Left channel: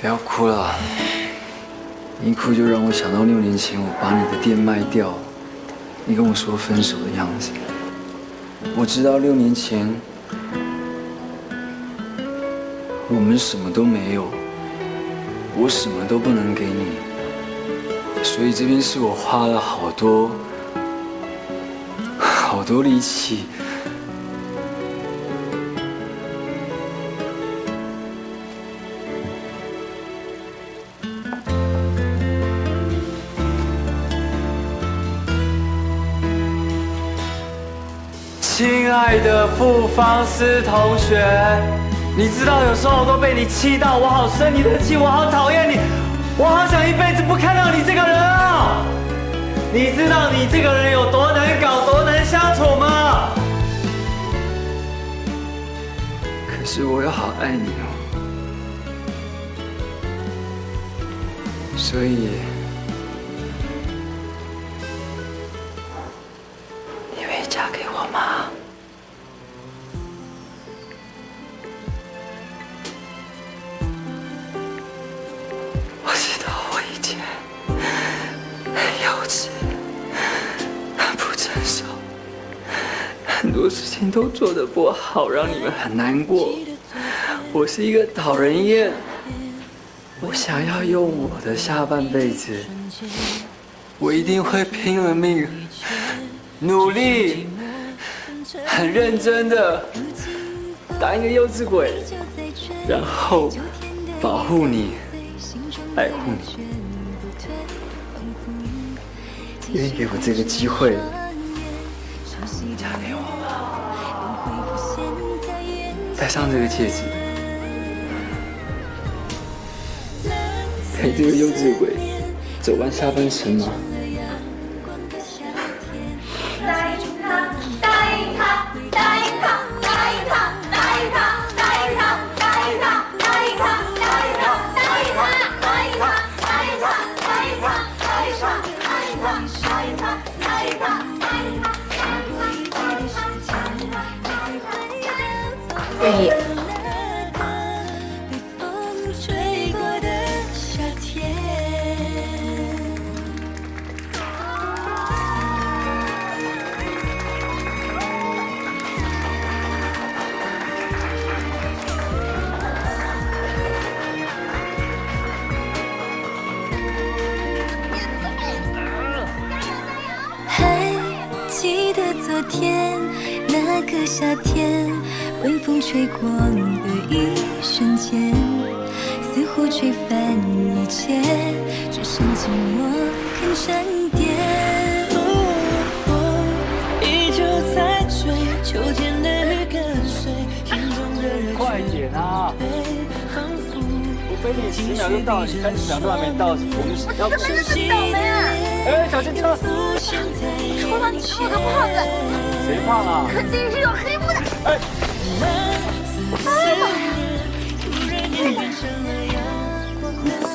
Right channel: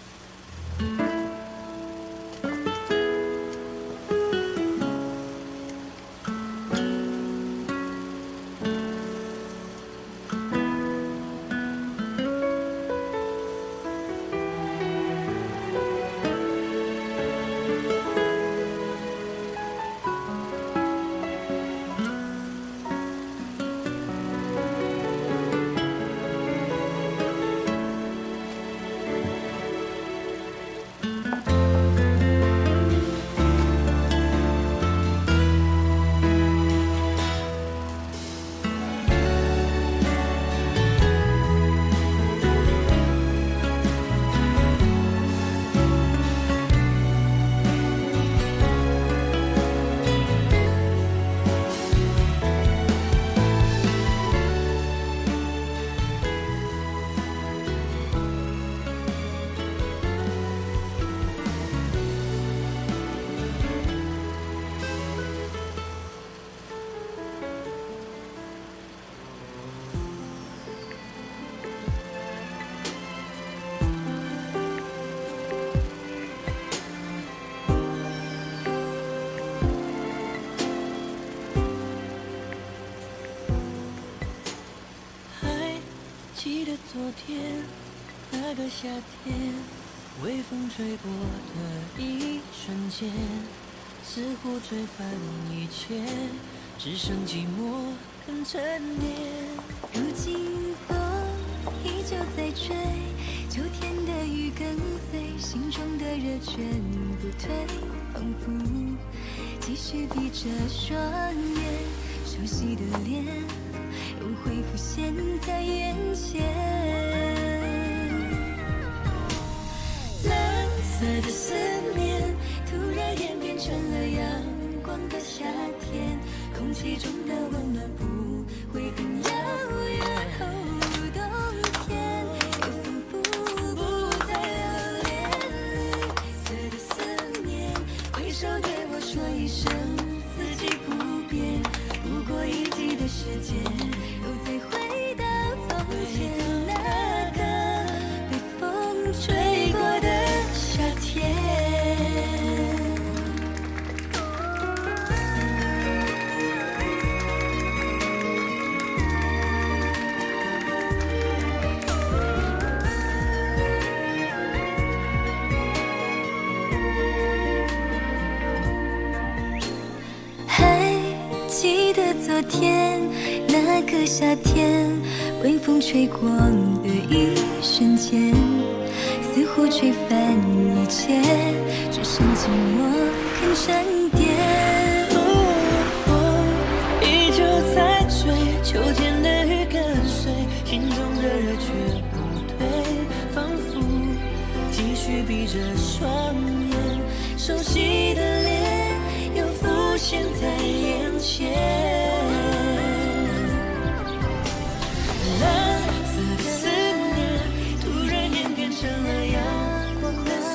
不要哭了，你一哭就让我想到6年前我把你的店卖掉，你跟我说分手的样子。我知道6年前我们什么都没有，我什么都不能给你，所以这边是我花了好多力气。亲爱的不方思同学，你知道有时候我都被你气到，我好生你的气，我好讨厌你，我好想一辈子不看到你这个人啊！你知道你这个人有多难搞，多难相处吗？可是我又好爱你哦，所以你愿意嫁给我吗？我知道我以前很幼稚，很不成熟，很多事情都做得不好，让你们很难过。我是一个讨人厌，我想要用我的下半辈子，我一定会拼了命，努力，很认真的当一个幼稚鬼，然后保护你，爱护你。愿意给我这个机会，嫁给我吗？戴上这个戒指，陪这个幼稚鬼走完下半生吗？答应他，答应他，答应他，答应他，答应他，答应他，答应他，答应他，答应他，答应他，答应他，答应他，答应他，答应他，答应他，答应他，答应他。愿意。记得昨天那个夏天，微风吹过的一瞬间，似乎吹翻一切，只剩寂寞肯沉淀。依旧在追秋天的雨跟随，心中的热却不退，仿佛继续闭着双眼，熟悉的脸又浮现在眼前。蓝色思念突然演变成了阳光的夏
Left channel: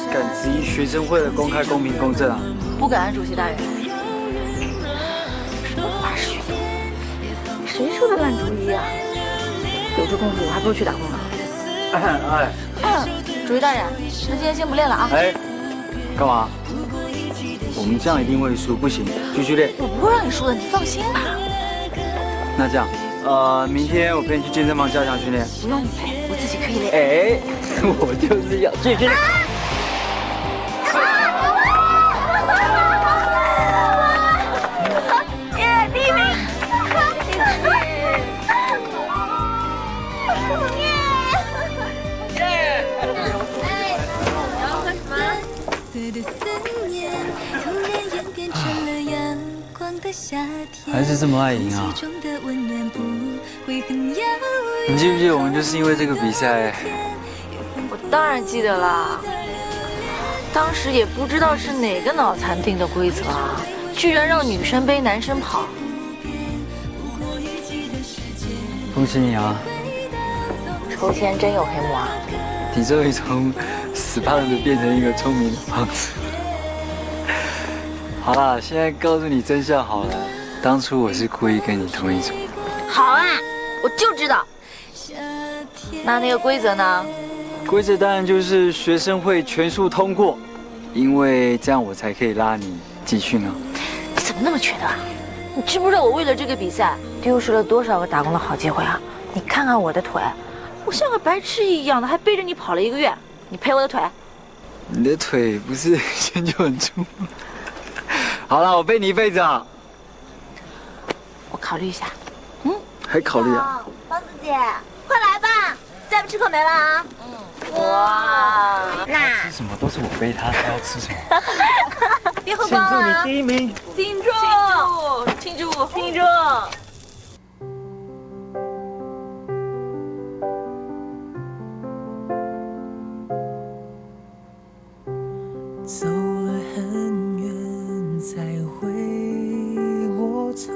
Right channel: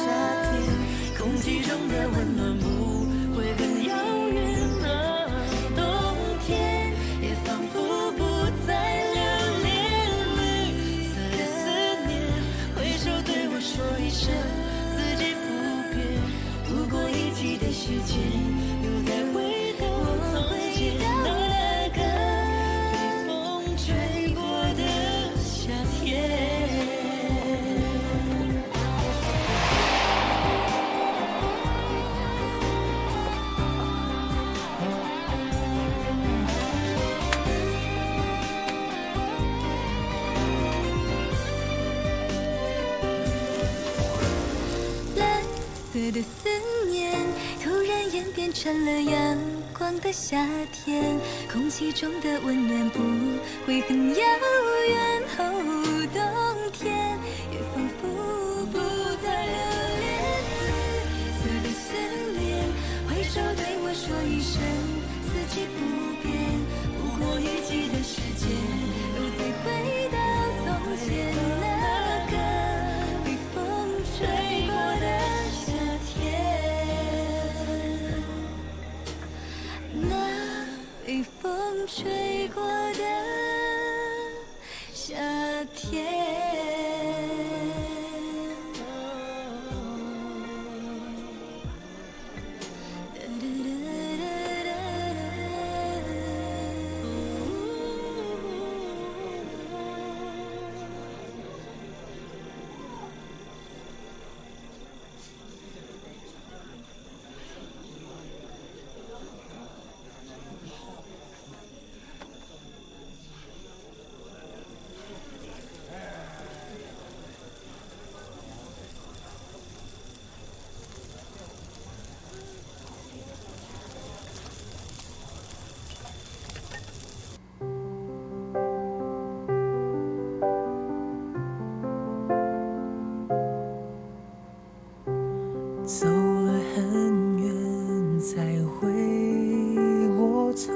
天。学生会的公开公民公正啊！不敢，主席大人。谁说的乱停的？有次公主还不如去打工呢。主席大人，时间先不练了啊。哎，干嘛？我们这样一定会输，不行，继续练。我不会让你输的，你放心吧。那这样，明天我陪你去健身房加强训练。不用，我自己可以练。哎，我就是要去训练。的思念突然演变成了阳光的夏天，还是这么爱赢啊！空气中的温暖不会很遥远。你记不记得我们就是因为这个比赛？我当然记得啦，当时也不知道是哪个脑残定的规则，居然让女生背男生跑。恭喜你啊！头前真有黑我。你终于从死胖子变成一个聪明胖子。好啦，现在告诉你真相好了，当初我是故意跟你同一组。好啊，我就知道。那个规则呢？规则当然就是学生会全数通过，因为这样我才可以拉你继续呢。你怎么那么缺德啊？你知不知道我为了这个比赛丢失了多少个打工的好机会啊？你看看我的腿，我像个白痴一样的，还背着你跑了1个月，你赔我的腿？你的腿不是以前就很粗吗？好了，我背你一辈子啊！我考虑一下。还考虑啊？包子姐，快来吧，再不吃可没了啊！哇，那吃什么都是我背他，他要吃什么？别喝光了啊！第1名！庆祝！庆祝！庆祝！走了很远才回过头，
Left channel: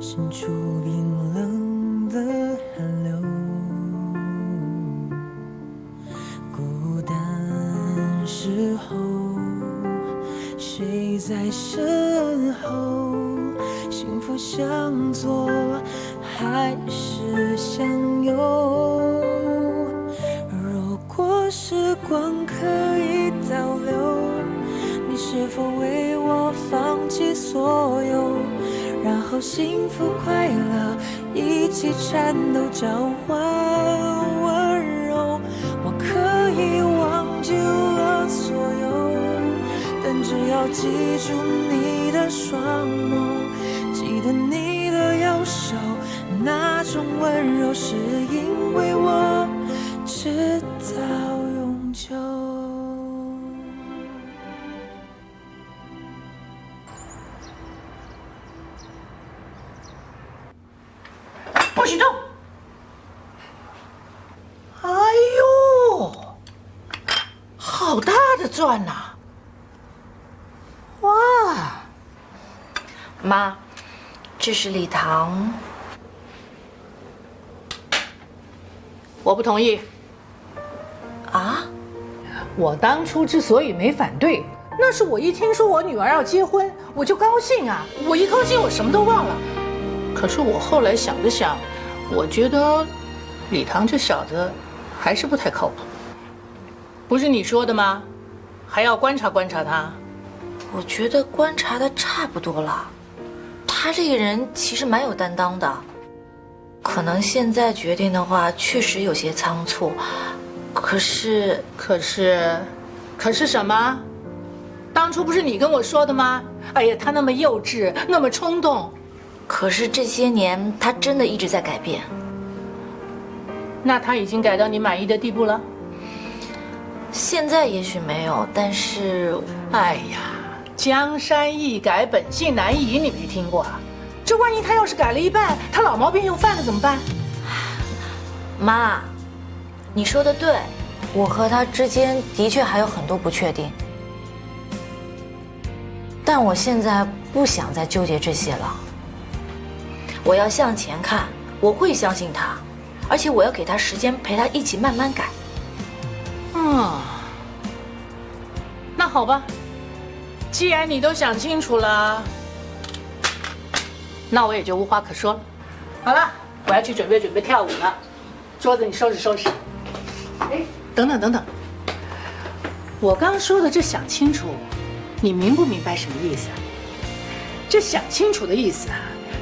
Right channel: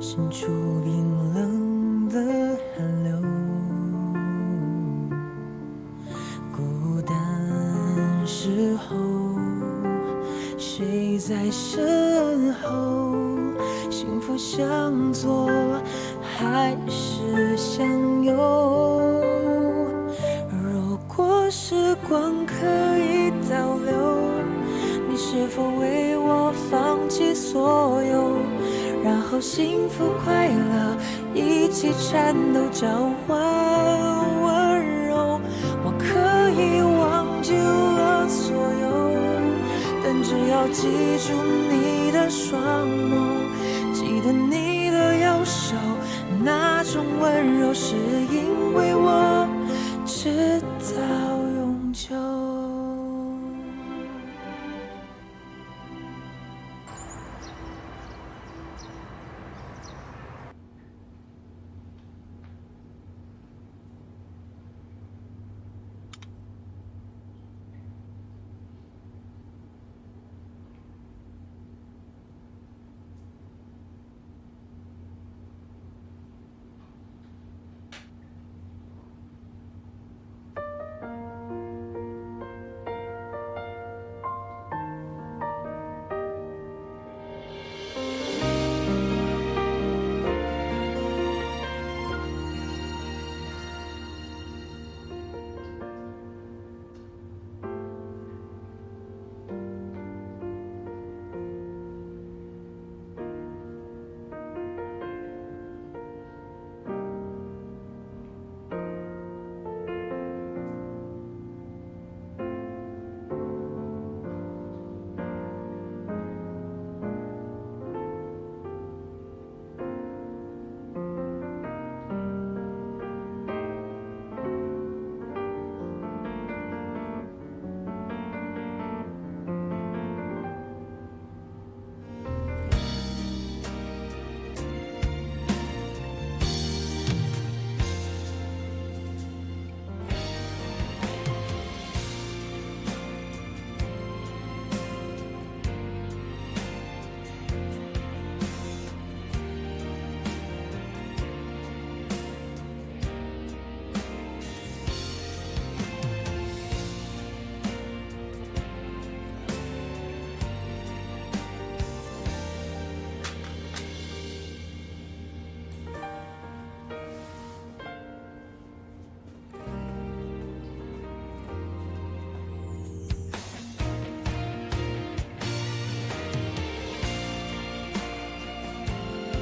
伸出冰冷的寒流，孤单时候谁在身后？幸福向左还是向右？如果时光可以倒流，你是否为我放弃所有，然后幸福快乐一起颤抖，交换温柔？我可以忘记了所有，但只要记住你的双眸，记得你的右手，那种温柔是因为我知道永久。不许动！哎呦，好大的钻呐！哇，妈，这是礼堂。我不同意。啊？我当初之所以没反对，那是我一听说我女儿要结婚，我就高兴啊！我一高兴，我什么都忘了。可是我后来想了想，我觉得礼堂这小子还是不太靠谱。不是你说的吗？还要观察观察他。我觉得观察的差不多了，他这个人其实蛮有担当的。可能现在决定的话，确实有些仓促。可是什么？当初不是你跟我说的吗？哎呀，他那么幼稚，那么冲动。可是这些年，他真的一直在改变。那他已经改到你满意的地步了？现在也许没有，但是，哎呀，江山易改，本性难移，你没听过啊？这万一他要是改了一半，他老毛病又犯了怎么办？妈，你说的对，我和他之间的确还有很多不确定，但我现在不想再纠结这些了。我要向前看，我会相信他，而且我要给他时间，陪他一起慢慢改。那好吧，既然你都想清楚了，那我也就无话可说了。好了，我要去准备跳舞了，桌子你收拾收拾。哎，等等，我刚说的这想清楚，你明不明白什么意思？这想清楚的意思啊，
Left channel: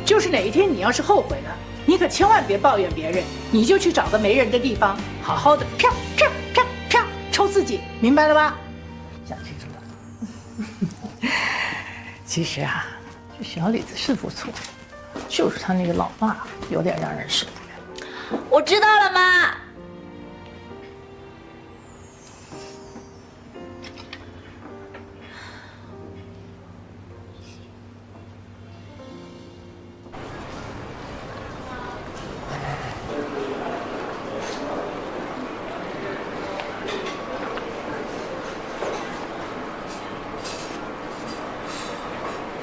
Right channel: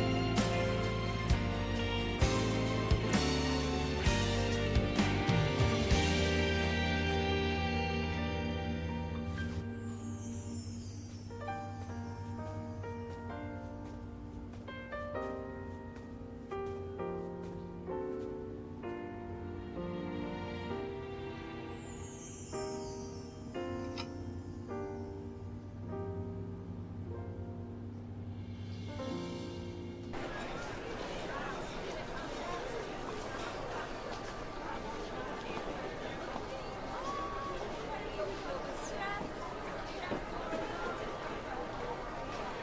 就是哪一天你要是后悔了，你可千万别抱怨别人，你就去找个没人的地方，好好的啪啪啪啪抽自己，明白了吧？想清楚了。其实啊，这小李子是不错，就是他那个老爸有点让人受不了。我知道了，妈。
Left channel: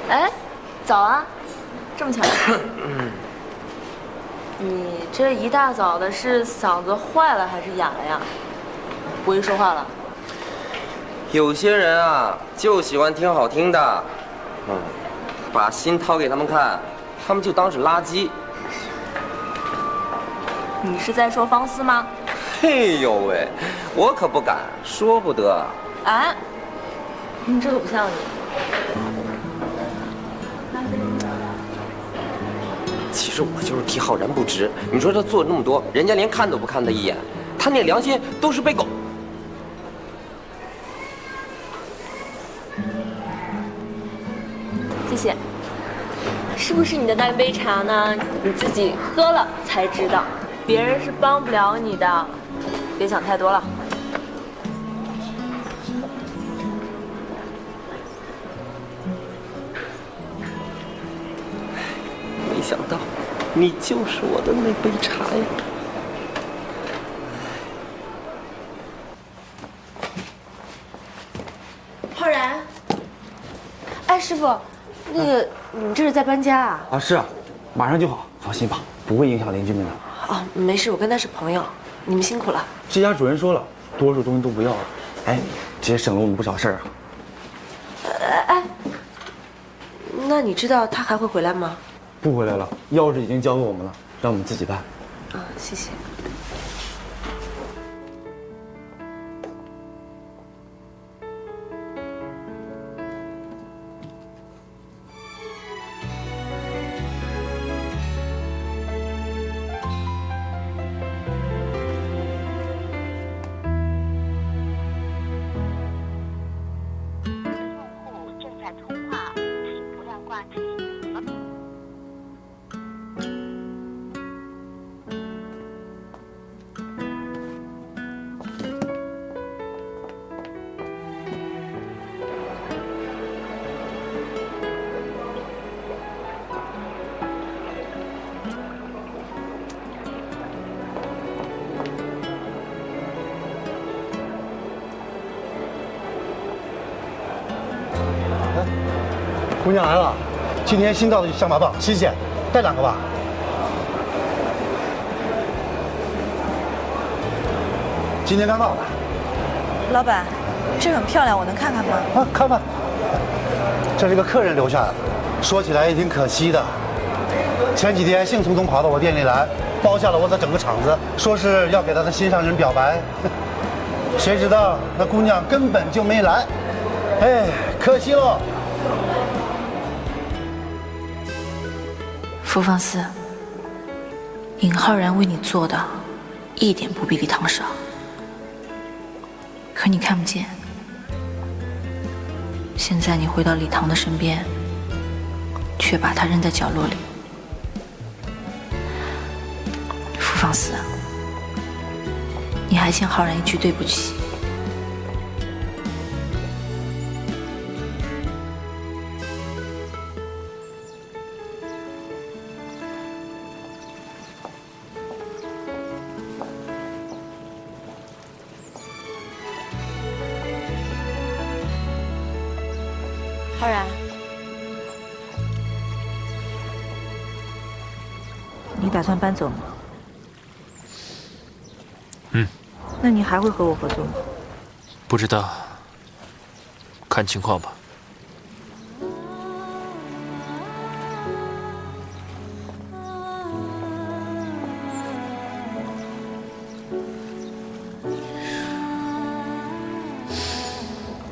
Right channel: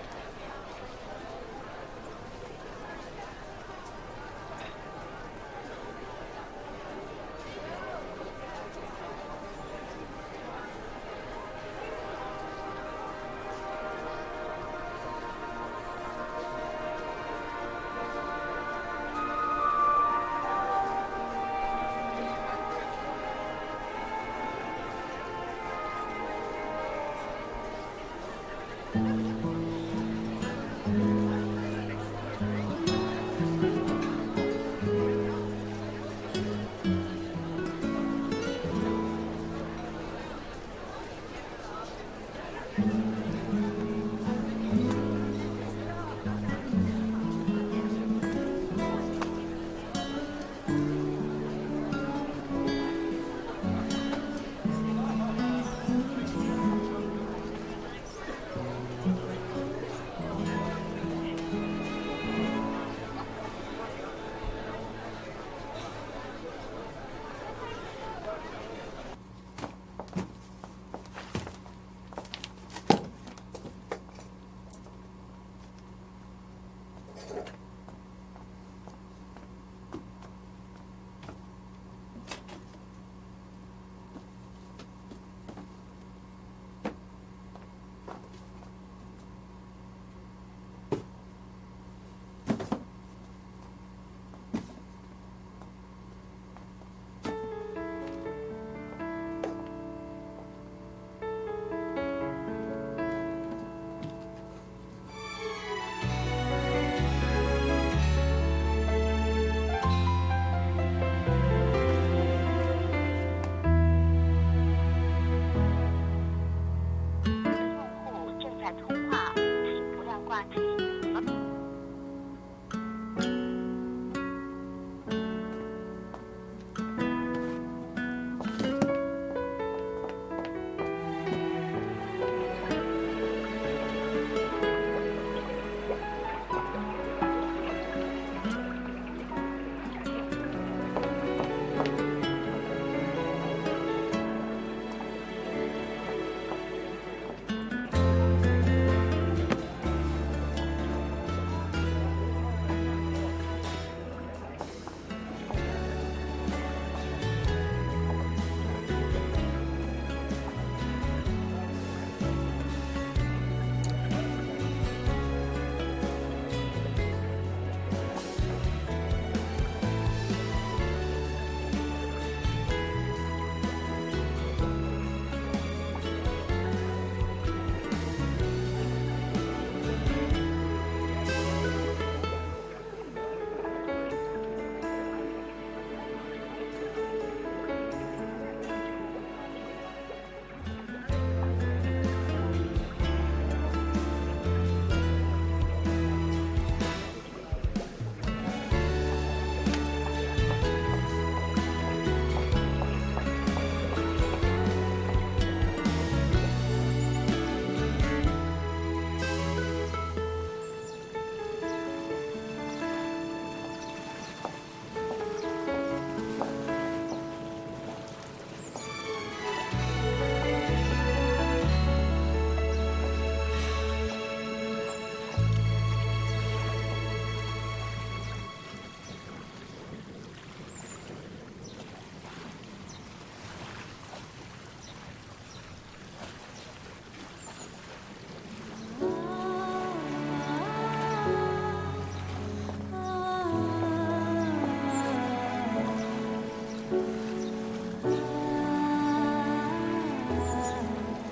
哎，早啊，这么巧。你这一大早的，是嗓子坏了还是哑了呀？不会说话了。有些人啊，就喜欢听好听的，把心掏给他们看，他们就当是垃圾。你是在说方思吗？嘿呦喂，我可不敢，说不得。啊？这可不像你。其实我就是替浩然不值。你说他做那么多，人家连看都不看他一眼，他那良心都是被狗。谢谢。是不是你的那杯茶呢？你自己喝了才知道，别人是帮不了你的。别想太多了。没想到，你就是我的那杯茶呀！浩然，哎，师傅，那个你们这是在搬家啊？啊，是啊，马上就好，放心吧，不会影响邻居们的。哦，没事，我跟他是朋友。你们辛苦了。这家主人说了，多数东西都不要了，哎，这也省了我们不少事儿啊。哎，那你知道他还会回来吗？不回来了，钥匙已经交给我们了，让我们自己办。啊，谢谢。姑娘来了，今天新到的象拔蚌，新鲜，带2个吧。今天刚到的。老板，这很漂亮，我能看看吗？啊，看看。这是个客人留下的，说起来也挺可惜的。前几天兴冲冲跑到我店里来，包下了我的整个场子，说是要给他的心上人表白。谁知道那姑娘根本就没来，哎，可惜喽。傅放肆，尹浩然为你做的，一点不比李唐少。可你看不见。现在你回到李唐的身边，却把他扔在角落里。傅放肆，你还欠浩然一句对不起。浩然，你打算搬走吗？嗯。那你还会和我合作吗？不知道，看情况吧。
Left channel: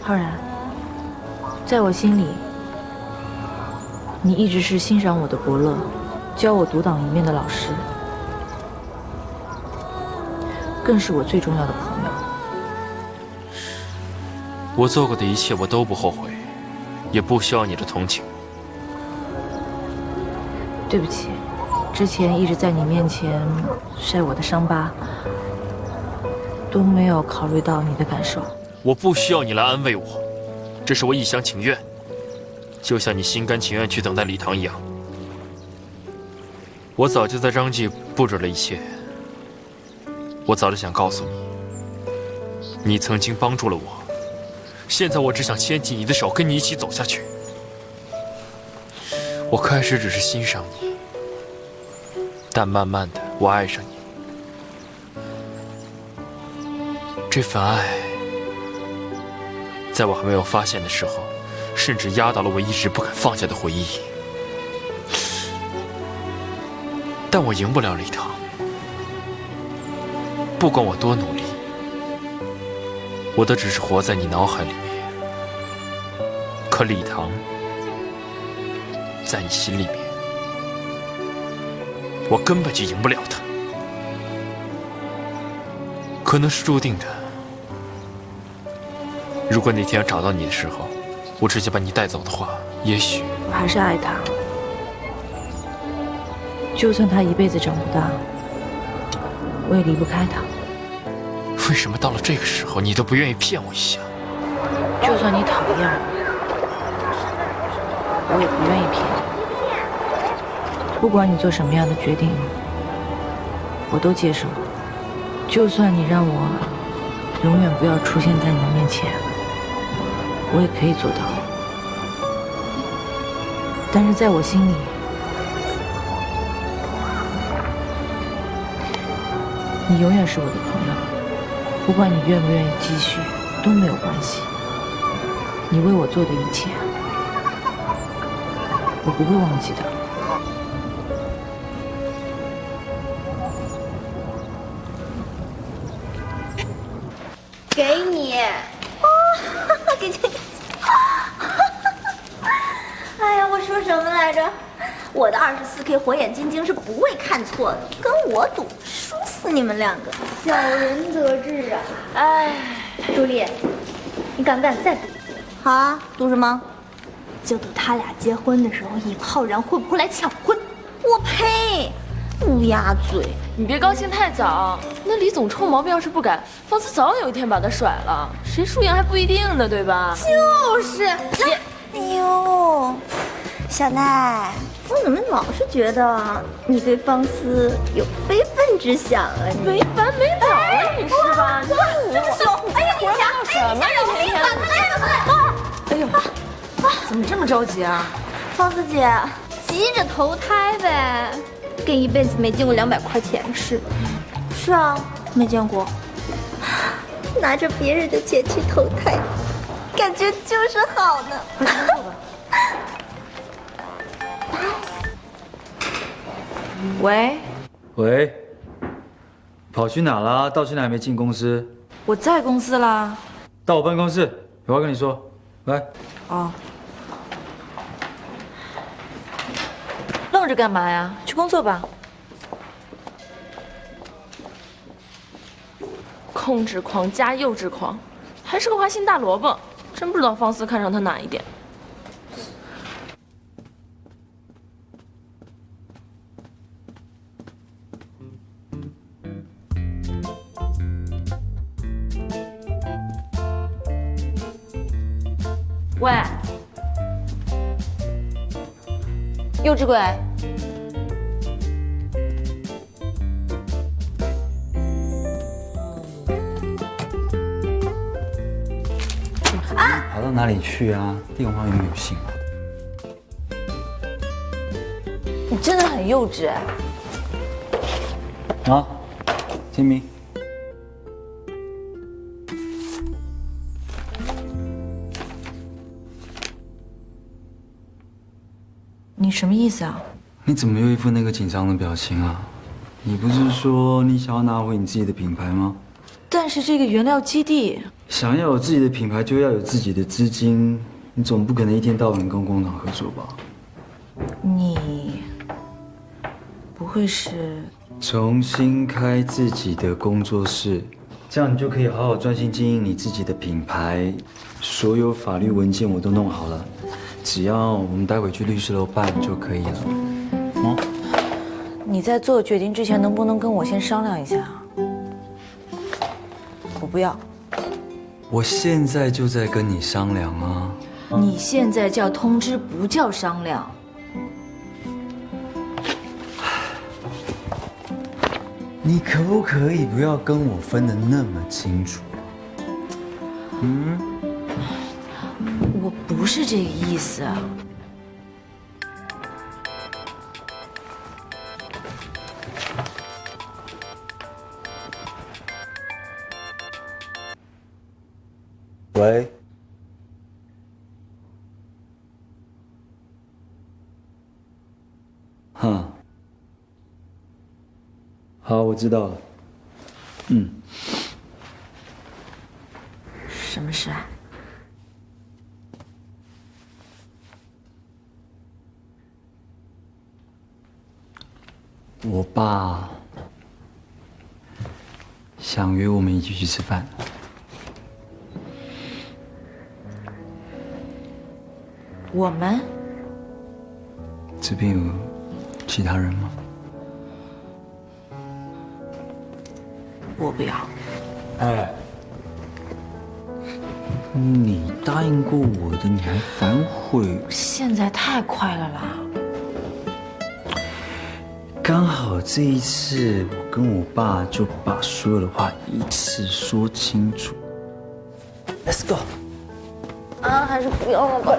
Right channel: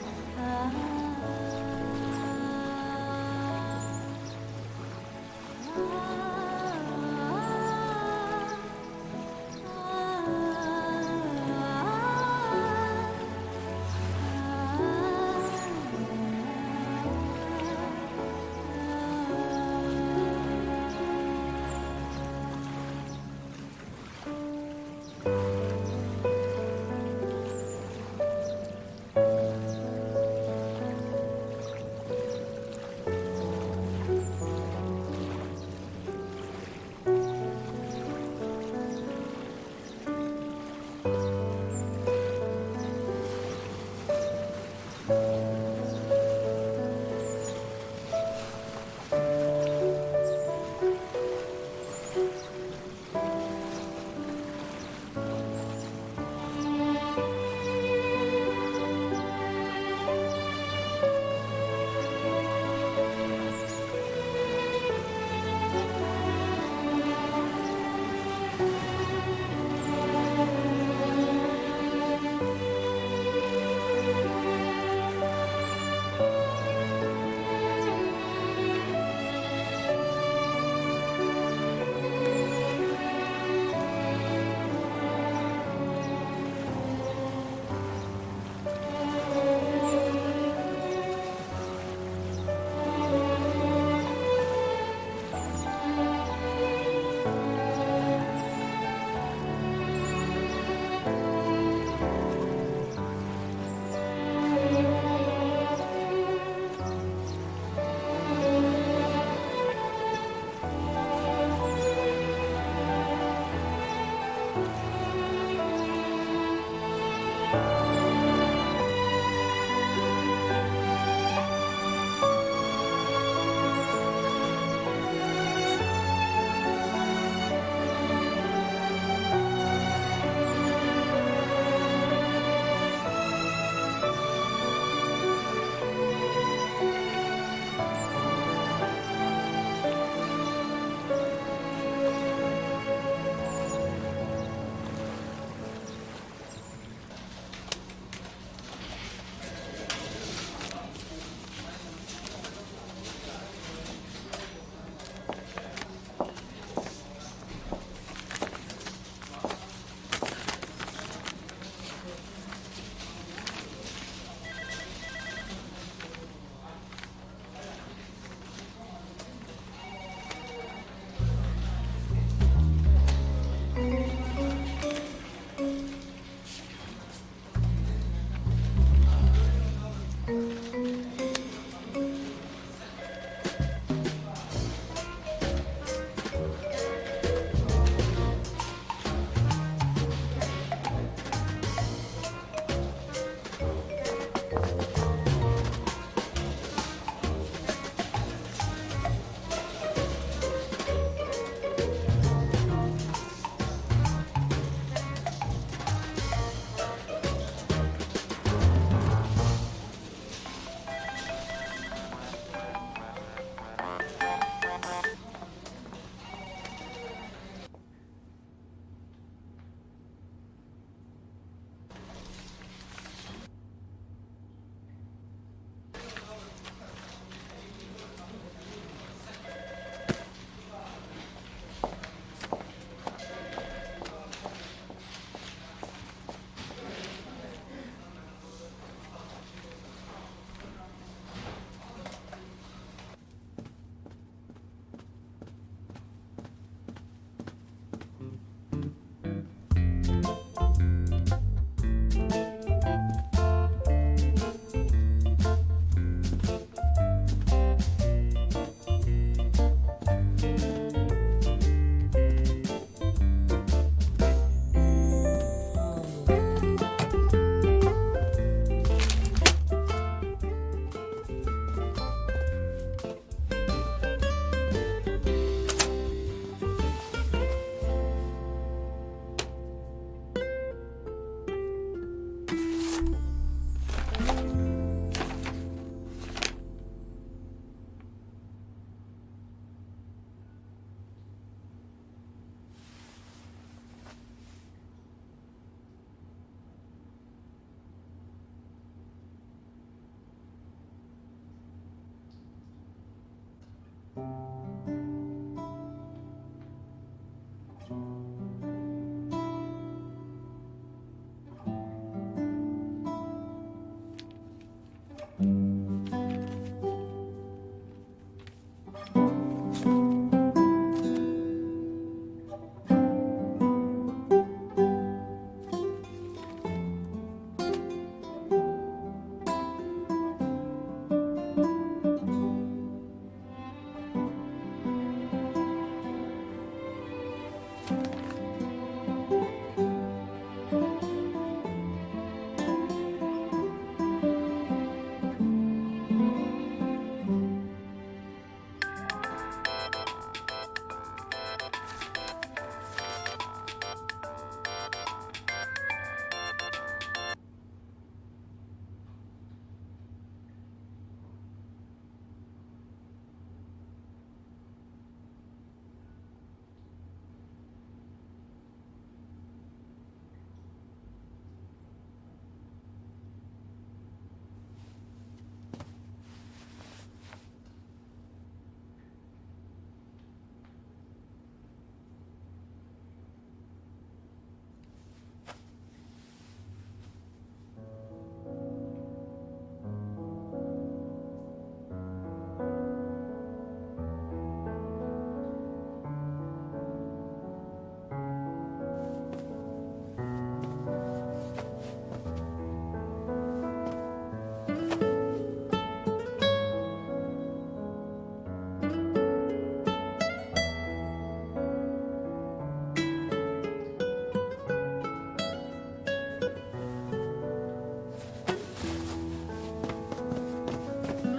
浩然，在我心里，你一直是欣赏我的伯乐，教我独当一面的老师，更是我最重要的朋友。我做过的一切我都不后悔，也不需要你的同情。对不起，之前一直在你面前晒我的伤疤，都没有考虑到你的感受。我不需要你来安慰我，这是我一厢情愿，就像你心甘情愿去等待礼堂一样。我早就在张记布置了一切，我早就想告诉你，你曾经帮助了我，现在我只想牵起你的手，跟你一起走下去。我开始只是欣赏你，但慢慢的我爱上你。这份爱，在我还没有发现的时候，甚至压倒了我一直不肯放下的回忆。但我赢不了礼堂，不管我多努力，我都只是活在你脑海里面。可礼堂在你心里面，我根本就赢不了他。可能是注定的。如果哪天要找到你的时候，我直接把你带走的话，也许还是爱他。就算他一辈子长不大，我也离不开他。为什么到了这个时候，你都不愿意骗我一下？就算你讨厌我也不愿意骗你。不管你做什么样的决定，我都接受。就算你让我永远不要出现在你面前，我也可以做到。但是在我心里，你永远是我的朋友。不管你愿不愿意继续，都没有关系。你为我做的一切，我不会忘记的。给你。给。哎呀，我说什么来着？我的24K 火眼金睛是不会看错的，跟我赌，输死你们两个，小人得志啊！哎，朱莉，你敢不敢再赌？好啊，赌什么？就赌他俩结婚的时候，李浩然会不会来抢婚？我呸！乌鸦嘴！你别高兴太早，那李总臭毛病要是不改，方思早有一天把他甩了。谁输赢还不一定呢，对吧？就是。哎呦，小奈，我怎么老是觉得你对方思有非分之想啊？没完没了啊，你是吧？这么凶！哎呀，你想什么呀？哎呦，怎么这么着急啊？方思姐，急着投胎呗，跟一辈子没见过200块钱似的。是啊，没见过。拿着别人的钱去投胎，感觉就是好呢。喂，喂，跑去哪啦？到现在还没进公司？我在公司啦。到我办公室，有话跟你说。来。哦。愣着干嘛呀？去工作吧。控制狂加幼稚狂，还是个花心大萝卜，真不知道方思看上他哪一点。喂，幼稚鬼。跑到哪里去啊？电话又没有信。你真的很幼稚哎。啊，清明。你什么意思啊？你怎么又一副那个紧张的表情啊？你不是说你想要拿回你自己的品牌吗？但是这个原料基地，想要有自己的品牌，就要有自己的资金。你总不可能一天到晚跟工厂合作吧？你不会是重新开自己的工作室，这样你就可以好好专心经营你自己的品牌。所有法律文件我都弄好了，只要我们待会去律师楼办就可以了。你在做决定之前，能不能跟我先商量一下？我不要。我现在就在跟你商量啊。你现在叫通知，不叫商量。你可不可以不要跟我分得那么清楚？我不是这个意思。喂。哼。好，我知道了。嗯。什么事啊？我爸想约我们一起去吃饭。我们？这边有其他人吗？我不要。哎，你答应过我的，你还反悔？现在太快了啦！刚好这一次，我跟我爸就把所有的话一次说清楚。Let's go。啊，还是不要了吧。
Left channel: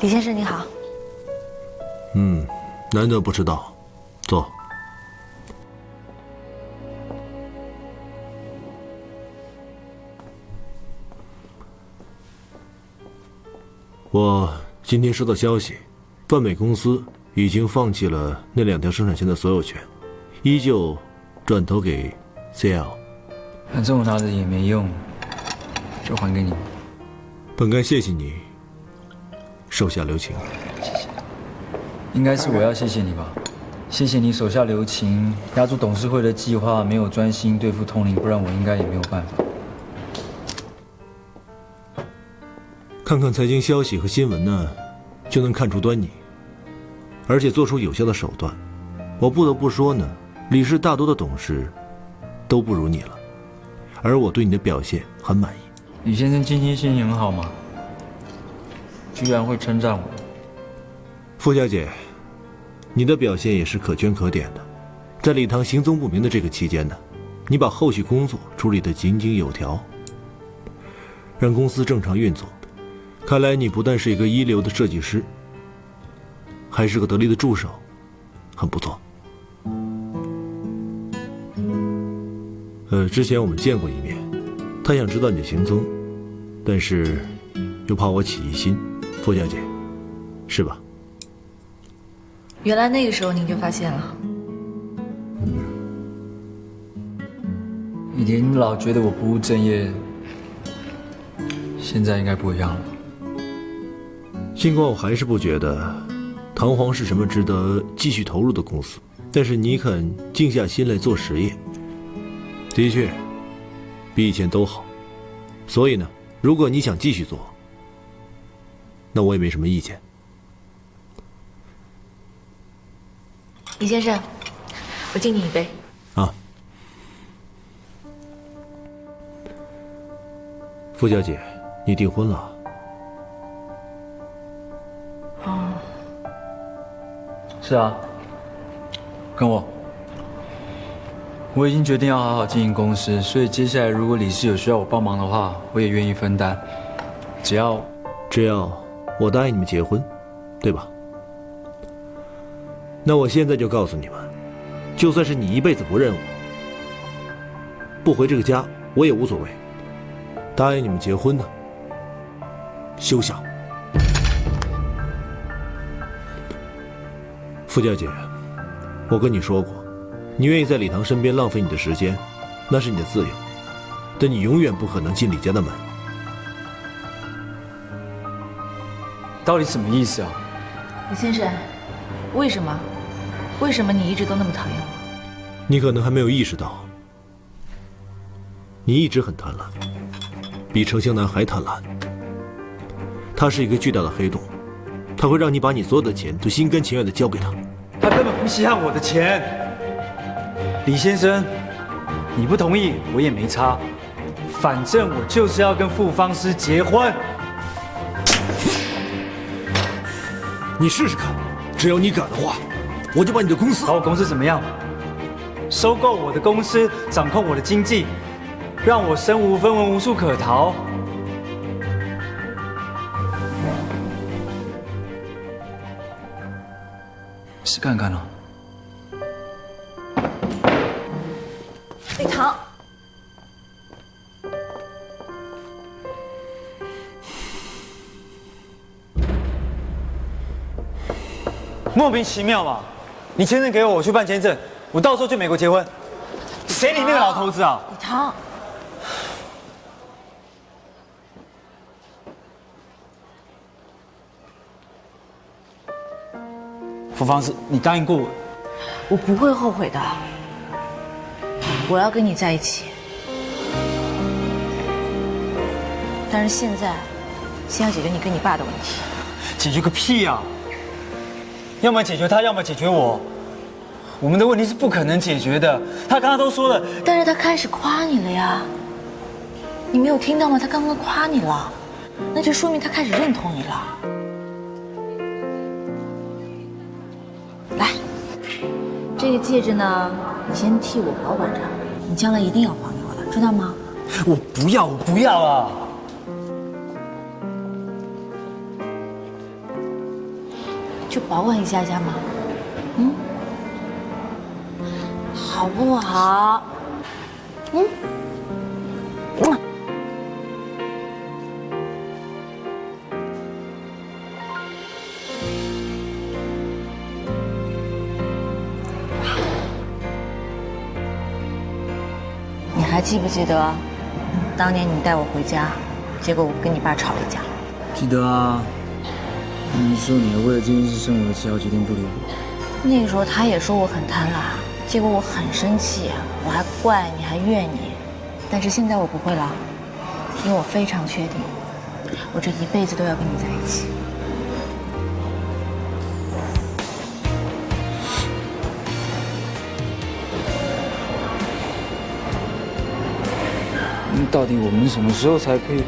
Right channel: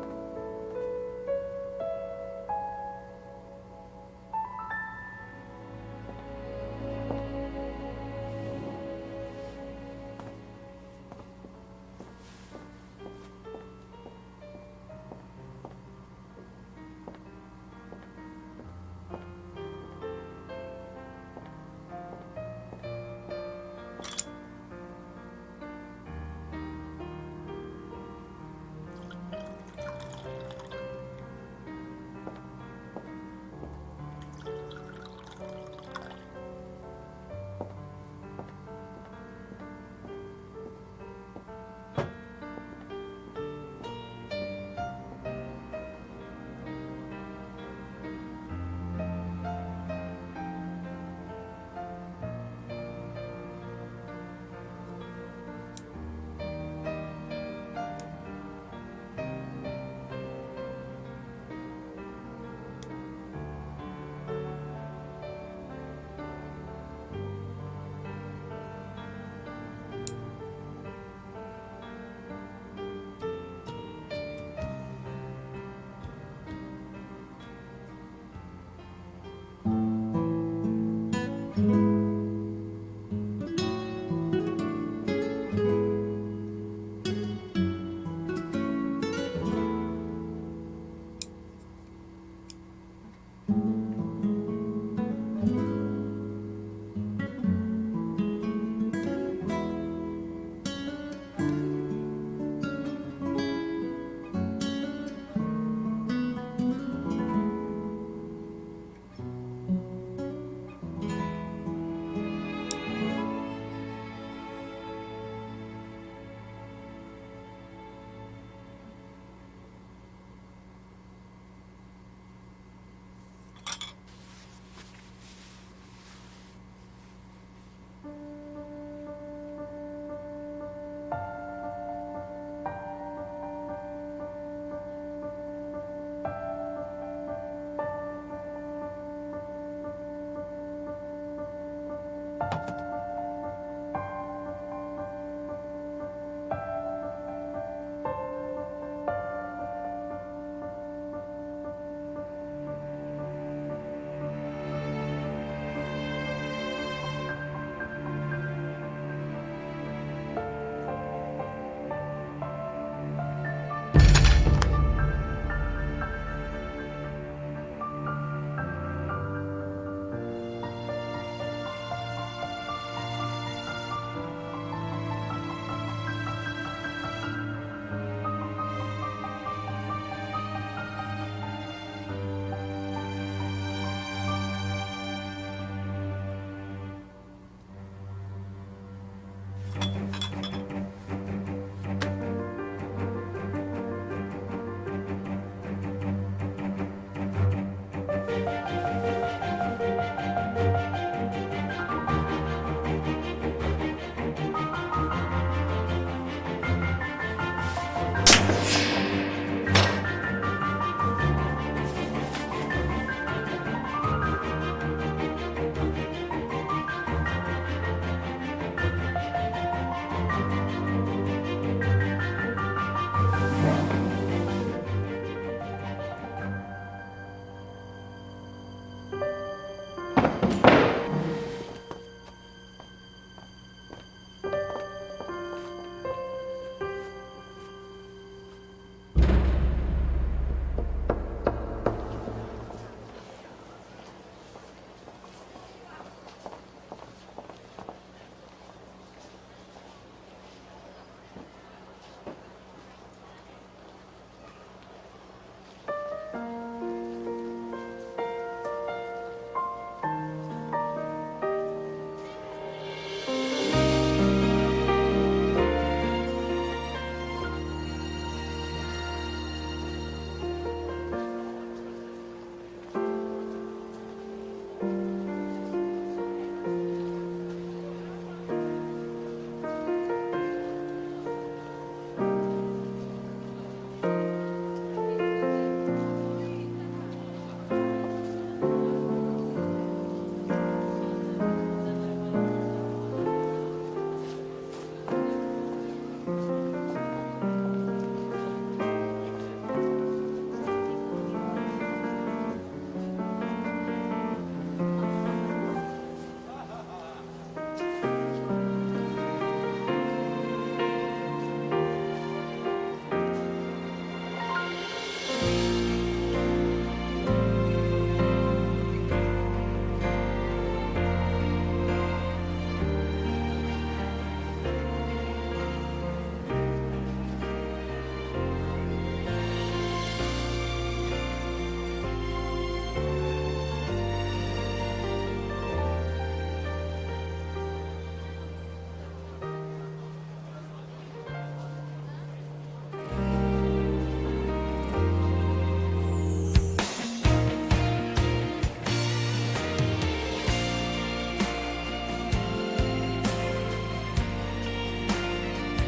李先生你好。难得不迟到，坐。我今天收到消息，泛美公司已经放弃了那2条生产线的所有权，依旧转投给 CL。反正我拿着也没用，就还给你。本该谢谢你手下留情。谢谢。应该是我要谢谢你吧？谢谢你手下留情，压住董事会的计划，没有专心对付通灵，不然我应该也没有办法。看看财经消息和新闻呢，就能看出端倪，而且做出有效的手段。我不得不说呢，李氏大多的董事都不如你了，而我对你的表现很满意。李先生今天心情很好吗？居然会称赞我。傅小姐，你的表现也是可圈可点的。在礼堂行踪不明的这个期间呢，你把后续工作处理得井井有条，让公司正常运作。看来你不但是一个一流的设计师，还是个得力的助手，很不错。之前我们见过一面，他想知道你的行踪，但是又怕我起疑心，傅小姐，是吧？原来那个时候您就发现了。以前你老觉得我不务正业，现在应该不一样了。尽管我还是不觉得唐皇是什么值得继续投入的公司，但是你肯静下心来做实业，的确比以前都好。所以呢，如果你想继续做，那我也没什么意见。李先生，我敬你一杯。啊，傅小姐，你订婚了？哦，是啊，跟我。我已经决定要好好经营公司，所以接下来如果李氏有需要我帮忙的话，我也愿意分担。只要我答应你们结婚，对吧？那我现在就告诉你们，就算是你一辈子不认我，不回这个家，我也无所谓。答应你们结婚的，休想！傅小姐，我跟你说过，你愿意在礼堂身边浪费你的时间，那是你的自由，但你永远不可能进李家的门。到底什么意思啊？李先生，为什么你一直都那么讨厌我？你可能还没有意识到，你一直很贪婪，比程湘南还贪婪。他是一个巨大的黑洞，他会让你把你所有的钱都心甘情愿地交给他。他根本不稀罕我的钱。李先生，你不同意我也没差，反正我就是要跟傅芳诗结婚。你试试看，只要你敢的话，我就把你的公司……把我公司怎么样？收购我的公司，掌控我的经济，让我身无分文，无处可逃。试看看啊。李唐，莫名其妙嘛！你签证给我，我去办签证，我到时候去美国结婚。谁理那个老头子啊？李唐，傅芳是，你答应过我，我不会后悔的。我要跟你在一起，但是现在，先要解决你跟你爸的问题。解决个屁呀！要么解决他，要么解决我。我们的问题是不可能解决的。他刚刚都说了，但是他开始夸你了呀，你没有听到吗？他刚刚夸你了，那就说明他开始认同你了。来，这个戒指呢，你先替我保管着，你将来一定要还给我的，知道吗？我不要，我不要啊！就保管一下下嘛，嗯，好不好？嗯。你还记不记得，当年你带我回家，结果我跟你爸吵了一架？记得啊。你说你还为了这件事生了气，好几天不理我。那个时候他也说我很贪婪，结果我很生气，我还怪你，还怨你。但是现在我不会了，因为我非常确定，我这一辈子都要跟你在一起。到底我们什么时候才可以？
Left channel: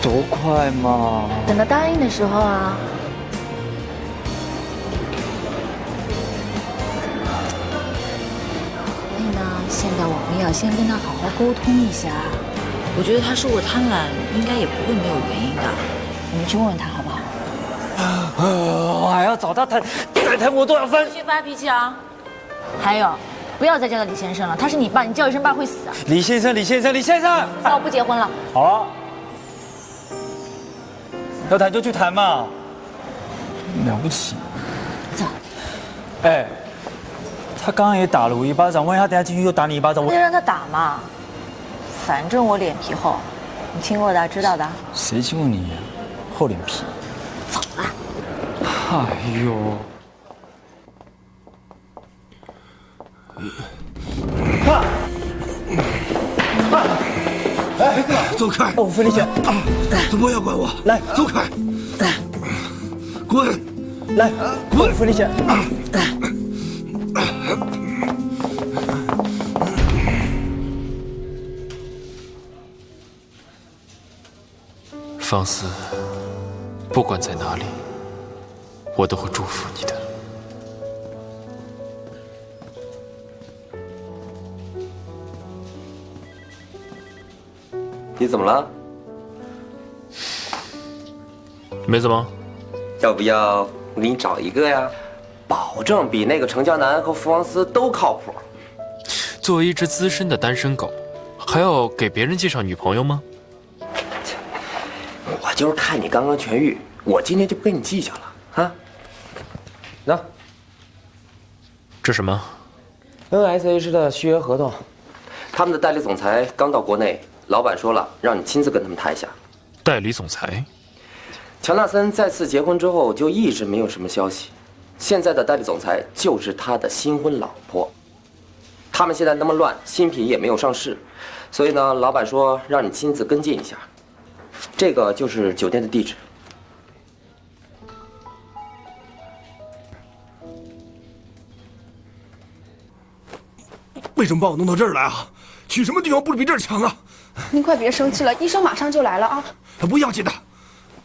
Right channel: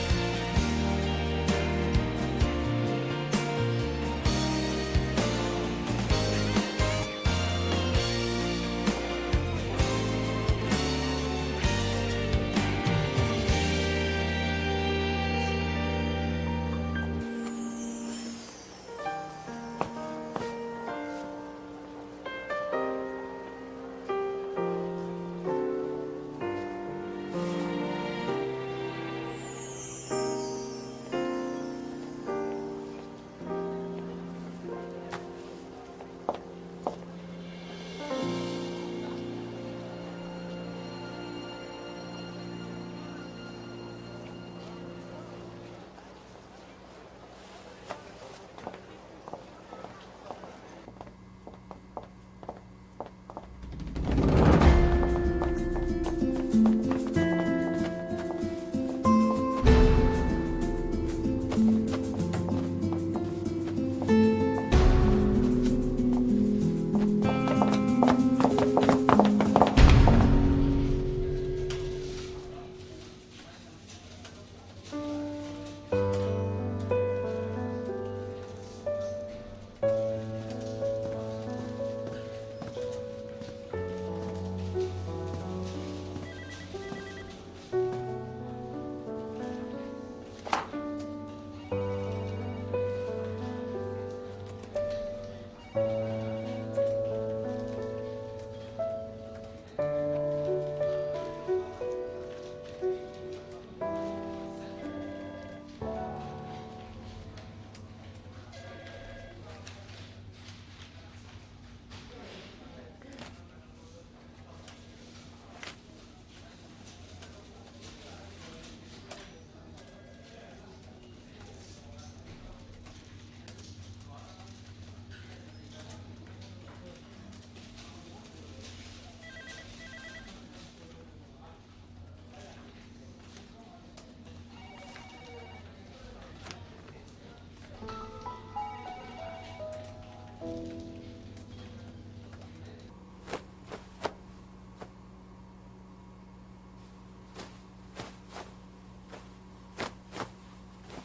多快嘛！等到答应的时候啊。所以呢，现在我们要先跟他好好沟通一下。我觉得他说我贪婪，应该也不会没有原因的。你们去问问他好不好？我还要找他谈，再谈我都要翻。别发脾气啊！还有，不要再叫他李先生了，他是你爸，你叫一声爸会死啊！李先生，李先生，李先生，那我不结婚了。好啊。要谈就去谈嘛，了不起。走。哎，他刚刚也打了我一巴掌，万一他等下进去又打你一巴掌，那就让他打嘛，反正我脸皮厚，你亲过的知道的。谁亲过你厚脸皮？走了。哎呦。哎，走开！我付力气，不要管我！来，走开！滚！来，滚！付力气。方思，不管在哪里，我都会祝福你的。你怎么了？没怎么。要不要我给你找一个呀？保证比那个程江南和福王斯都靠谱。作为一只资深的单身狗，还要给别人介绍女朋友吗？我就是看你刚刚痊愈，我今天就不跟你计较了啊。那，这什么 ？NSH 的续约合同，他们的代理总裁刚到国内。老板说了，让你亲自跟他们谈一下。代理总裁，乔纳森再次结婚之后就一直没有什么消息，现在的代理总裁就是他的新婚老婆。他们现在那么乱，新品也没有上市，所以呢，老板说让你亲自跟进一下。这个就是酒店的地址。为什么把我弄到这儿来啊？去什么地方不比这儿强啊？您快别生气了，医生马上就来了啊！不要紧的，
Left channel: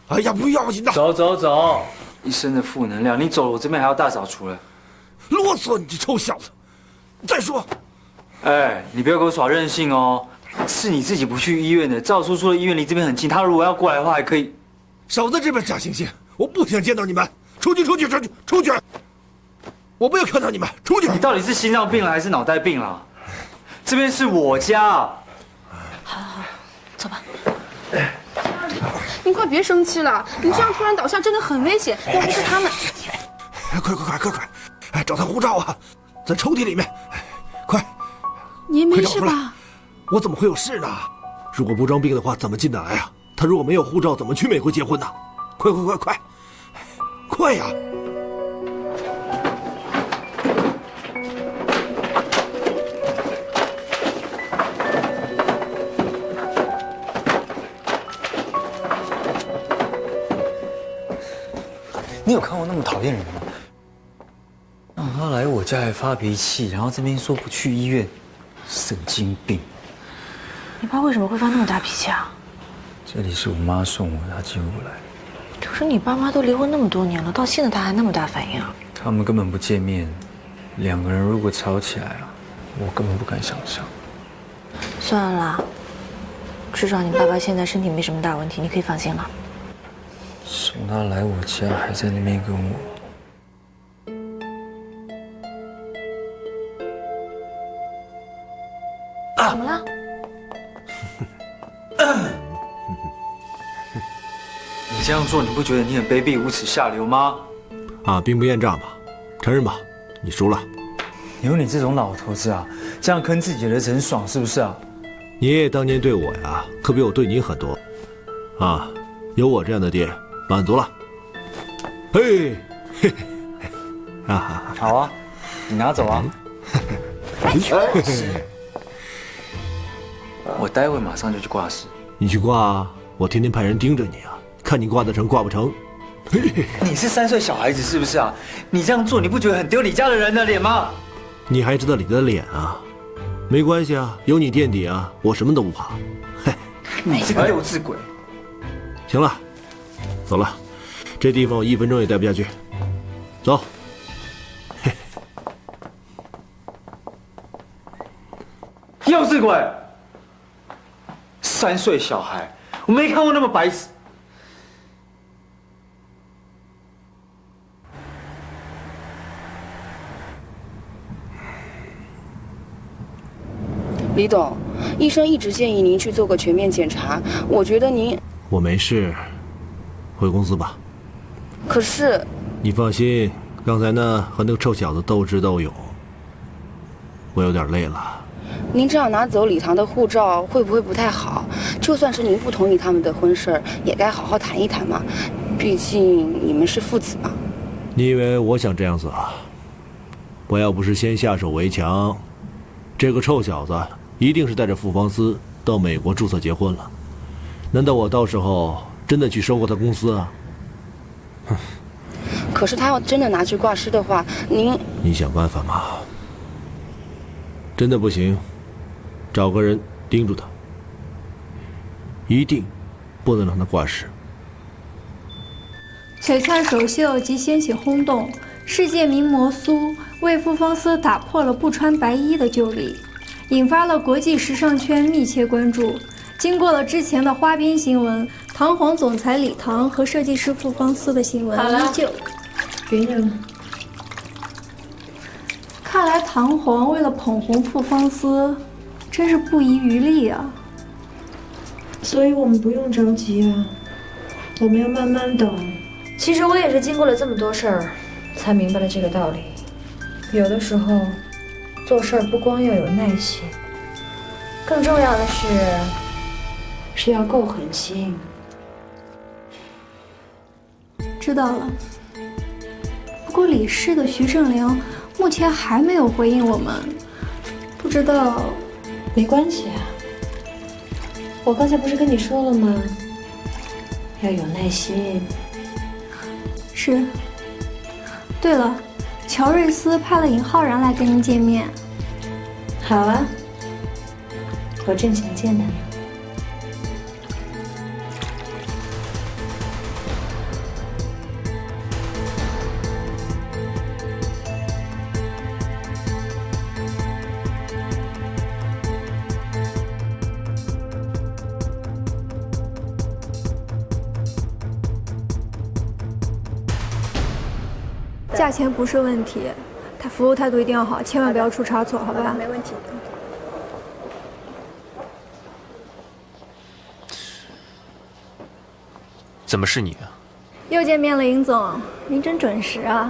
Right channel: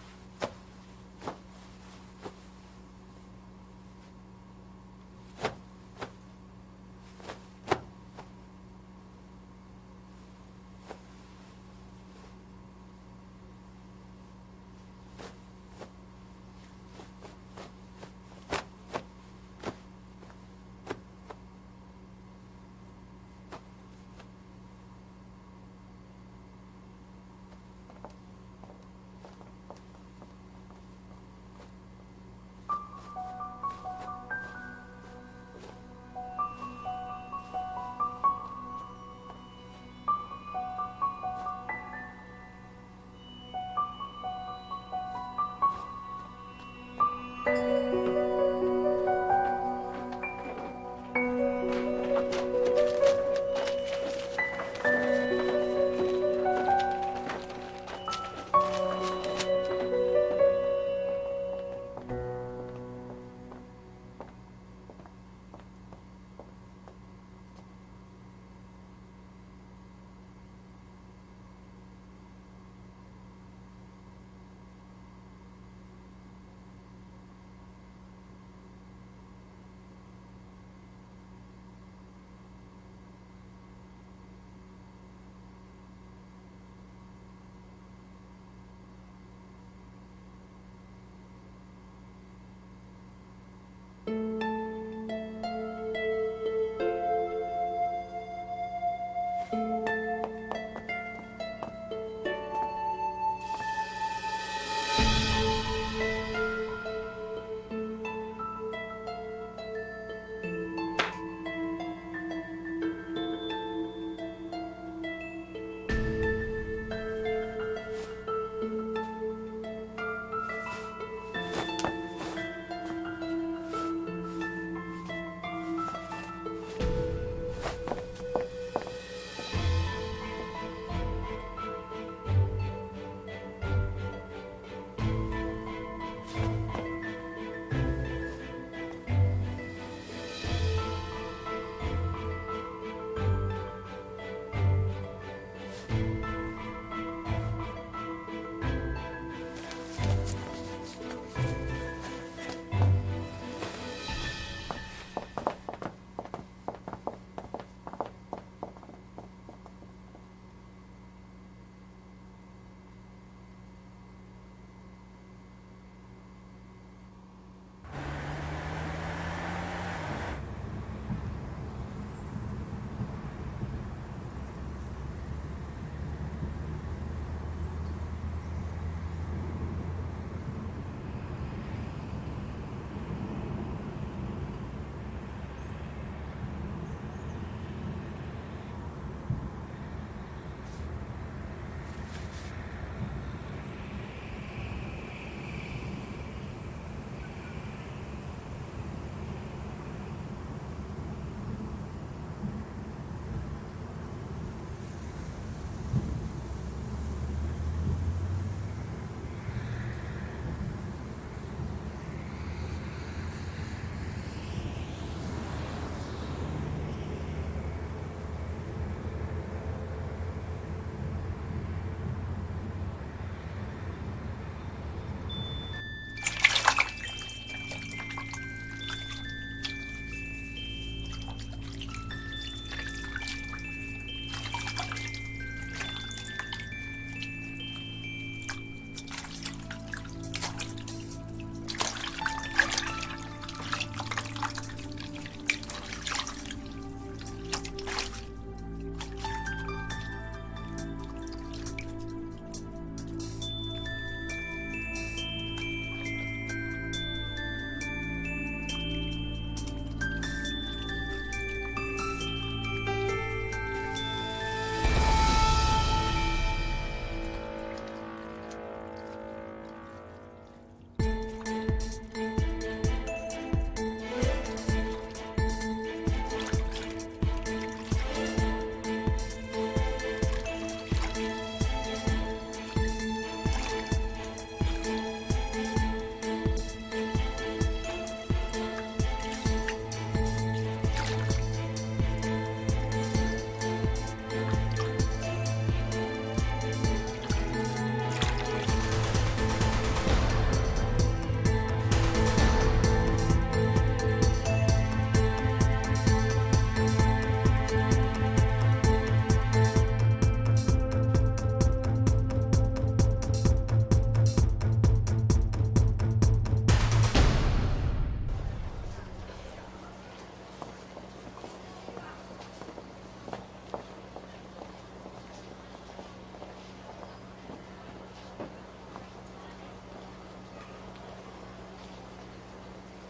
哎呀，不要紧的。走走走，一身的负能量，你走了，我这边还要大扫除了。啰嗦，你这臭小子！再说，哎，你不要给我耍任性哦。是你自己不去医院的，赵叔叔的医院离这边很近，他如果要过来的话，还可以。少在这边假惺惺，我不想见到你们，出去，出去，出去，出去！我不要看到你们，出去！你到底是心脏病了还是脑袋病了？这边是我家。好，走吧。你快别生气了，你这样突然倒下真的很危险。要不是他们，快！哎，找他护照啊，在抽屉里面。快！你没事吧？我怎么会有事呢？如果不装病的话，怎么进得来啊？他如果没有护照，怎么去美国结婚呢？快呀！你有看过那么讨厌人吗？让他来我家还发脾气，然后这边说不去医院，神经病！你爸为什么会发那么大脾气啊？这里是我妈送我的，她接我来。可是你爸妈都离婚那么多年了，到现在他还那么大反应啊？他们根本不见面，两个人如果吵起来啊，我根本不敢想象。算了啦，至少你爸爸现在身体没什么大问题，你可以放心了。送他来我家，还在那边跟我。怎么了？你这样做，你不觉得你很卑鄙、无耻、下流吗？啊，兵不厌诈嘛，承认吧，你输了。有你这种老头子啊，这样坑自己的人爽是不是啊？你爷爷当年对我呀，可比我对你很多。啊，有我这样的爹，满足了。嘿，啊，好啊，你拿走啊。我待会马上就去挂失。你去挂啊，我天天派人盯着你啊，看你挂得成挂不成。你是3岁小孩子是不是啊？你这样做，你不觉得很丢你家的人的脸吗？你还知道你的脸啊？没关系啊，有你垫底啊，我什么都不怕。嘿，你这个幼稚鬼！行了，走了，这地方我1分钟也待不下去。走。幼稚鬼！3岁小孩，我没看过那么白痴。李董，医生一直建议您去做个全面检查，我觉得您……我没事，回公司吧。可是……你放心，刚才呢和那个臭小子斗智斗勇，我有点累了。您这样拿走礼堂的护照会不会不太好？就算是您不同意他们的婚事儿，也该好好谈一谈嘛。毕竟你们是父子嘛。你以为我想这样子啊？我要不是先下手为强，这个臭小子一定是带着傅方思到美国注册结婚了。难道我到时候真的去收购他公司啊？可是他要真的拿去挂失的话，您想办法嘛。真的不行，找个人盯住他，一定不能让他挂失。璀璨首秀即掀起轰动，世界名模苏为傅方思打破了不穿白衣的旧例，引发了国际时尚圈密切关注。经过了之前的花边新闻，唐皇总裁李唐和设计师傅方思的新闻依旧。别人了。看来唐皇为了捧红傅方思，真是不遗余力啊。所以我们不用着急啊，我们要慢慢等。其实我也是经过了这么多事儿，才明白了这个道理。有的时候，做事儿不光要有耐心，更重要的是要够狠心。知道了。不过李氏的徐胜良目前还没有回应我们，不知道。没关系啊，我刚才不是跟你说了吗？要有耐心。是。对了，乔瑞斯派了尹浩然来跟您见面。好啊，我正想见呢。价钱不是问题，他服务态度一定要好，千万不要出差错，好吧？没问题。怎么是你啊？又见面了，尹总，您真准时啊！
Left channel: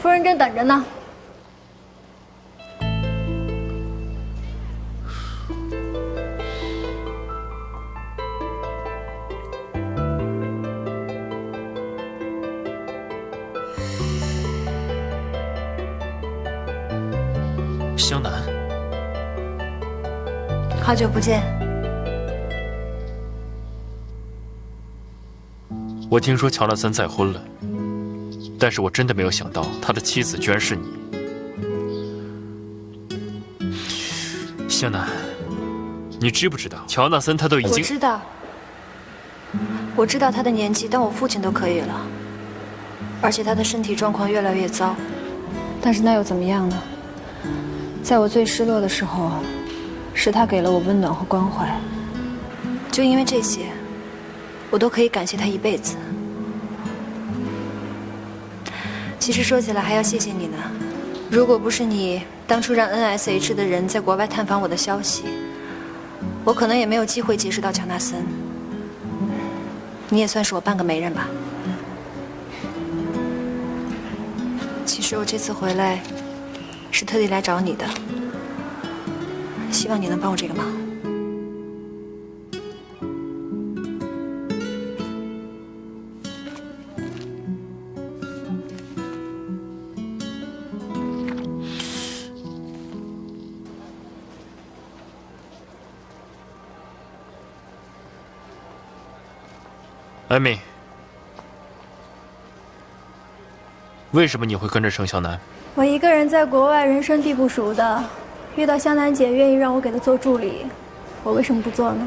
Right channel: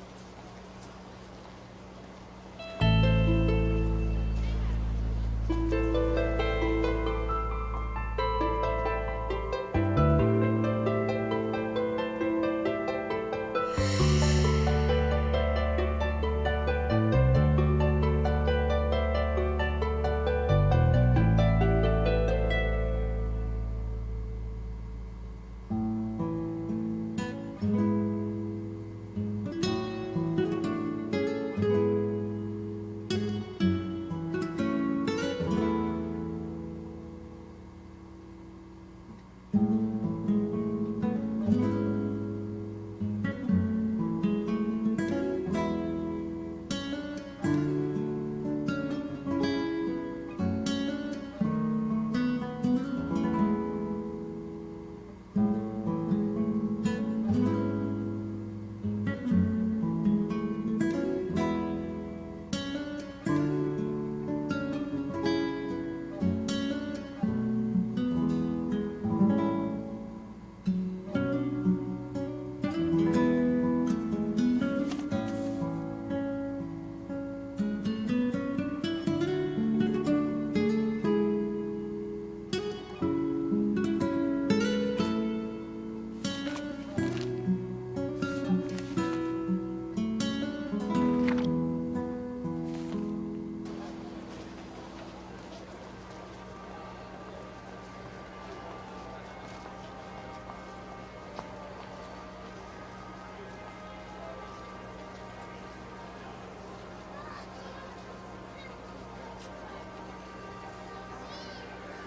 夫人正等着呢。湘南，好久不见。我听说乔纳森再婚了，但是我真的没有想到他的妻子居然是你。湘南，你知不知道乔纳森他都已经……我知道他的年纪当我父亲都可以了，而且他的身体状况越来越糟。但是那又怎么样呢？在我最失落的时候，是他给了我温暖和关怀。就因为这些，我都可以感谢他一辈子。其实说起来还要谢谢你呢，如果不是你当初让 NSH 的人在国外探访我的消息，我可能也没有机会结识到乔纳森。你也算是我半个媒人吧。其实我这次回来是特地来找你的，希望你能帮我这个忙。艾米，为什么你会跟着程小南？我一个人在国外，人生地不熟的，遇到香楠姐愿意让我给她做助理，我为什么不做呢？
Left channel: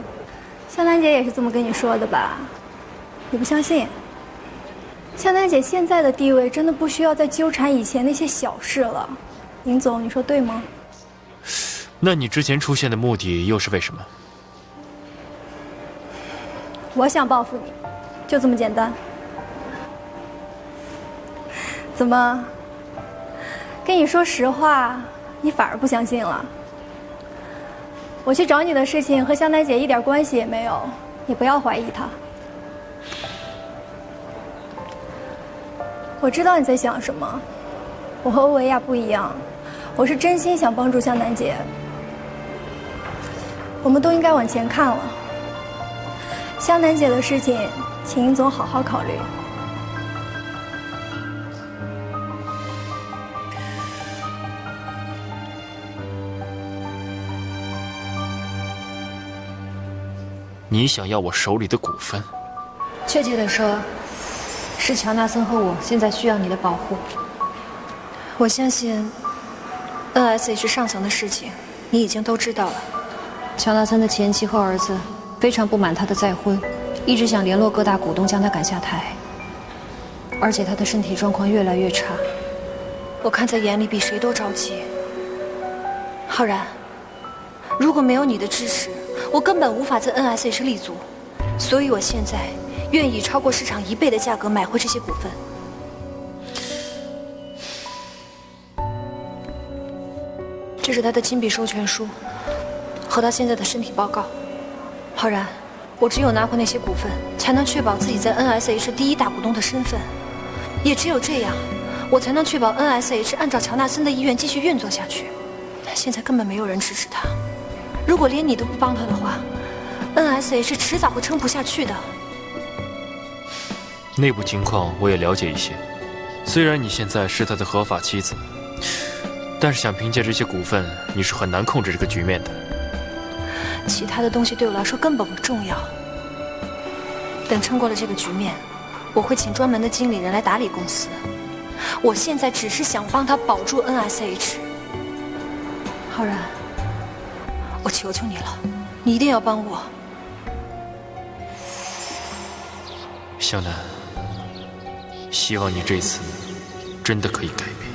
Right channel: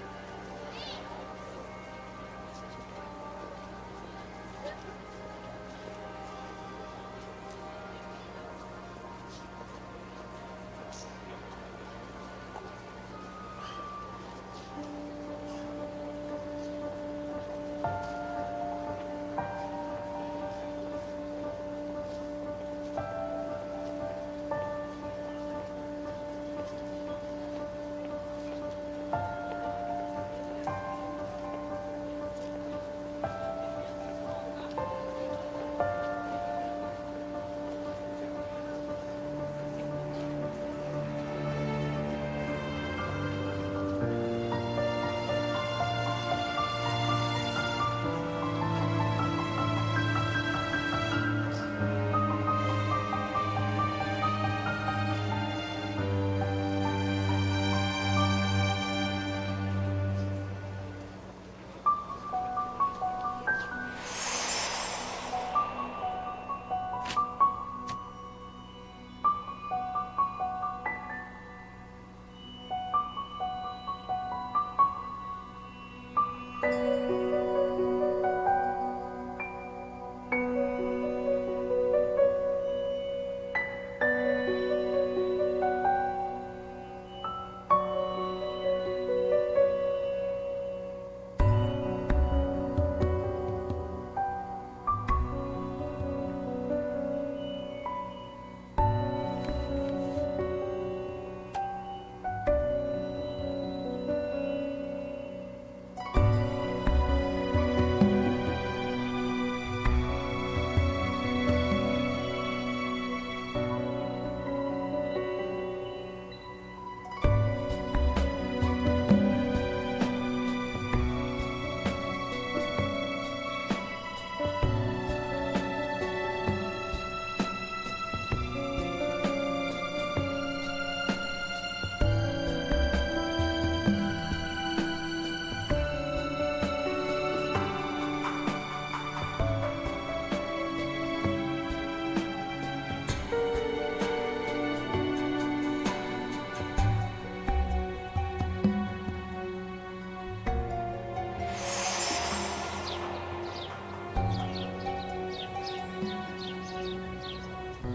香楠姐也是这么跟你说的吧？你不相信？香楠姐现在的地位真的不需要再纠缠以前那些小事了。林总，你说对吗？那你之前出现的目的又是为什么？我想报复你，就这么简单。怎么？跟你说实话，你反而不相信了？我去找你的事情和香楠姐一点关系也没有，你不要怀疑她。我知道你在想什么，我和欧维亚不一样，我是真心想帮助香楠姐。我们都应该往前看了。香楠姐的事情，请尹总好好考虑。你想要我手里的股份？确切的说，是乔纳森和我现在需要你的保护。我相信 NSH 上层的事情，你已经都知道了。乔纳森的前妻和儿子非常不满他的再婚，一直想联络各大股东将他赶下台。而且他的身体状况越来越差，我看在眼里比谁都着急。浩然，如果没有你的支持，我根本无法在 NSH 立足。所以我现在愿意超过市场1倍的价格买回这些股份。这是他的亲笔授权书和他现在的身体报告。浩然，我只有拿回那些股份，才能确保自己在 NSH 第1大股东的身份。也只有这样，我才能确保 NSH 按照乔纳森的意愿继续运作下去。现在根本没有人支持他，如果连你都不帮他的话，NSH 迟早会撑不下去的。内部情况我也了解一些，虽然你现在是他的合法妻子，但是想凭借这些股份，你是很难控制这个局面的。其他的东西对我来说根本不重要。等撑过了这个局面，我会请专门的经理人来打理公司。我现在只是想帮他保住 NSH。浩然，我求求你了，你一定要帮我。湘南，希望你这次真的可以改变。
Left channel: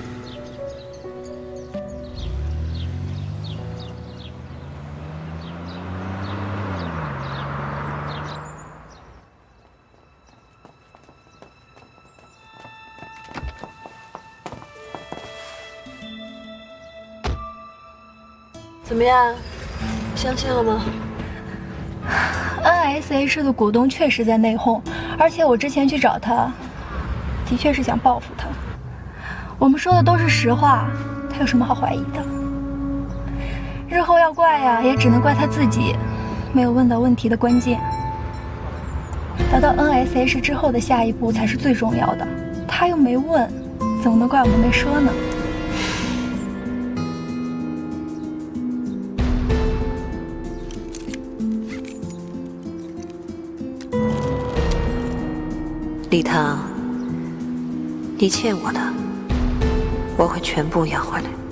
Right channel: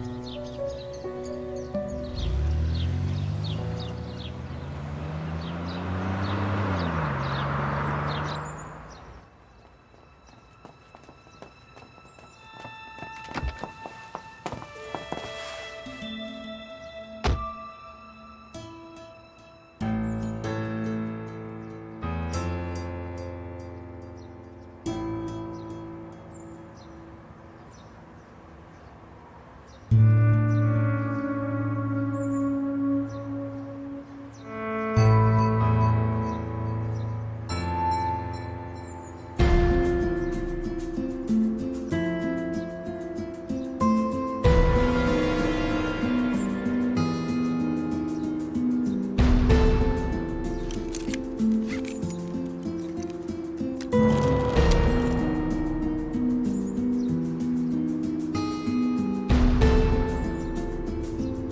怎么样？相信了吗？ NSH 的股东确实在内讧，而且我之前去找他，的确是想报复他。我们说的都是实话，他有什么好怀疑的？日后要怪呀，也只能怪他自己，没有问到问题的关键。达到 NSH 之后的下一步才是最重要的，他又没问，怎么能怪我没说呢？ 李腾，你欠我的，我会全部要回来。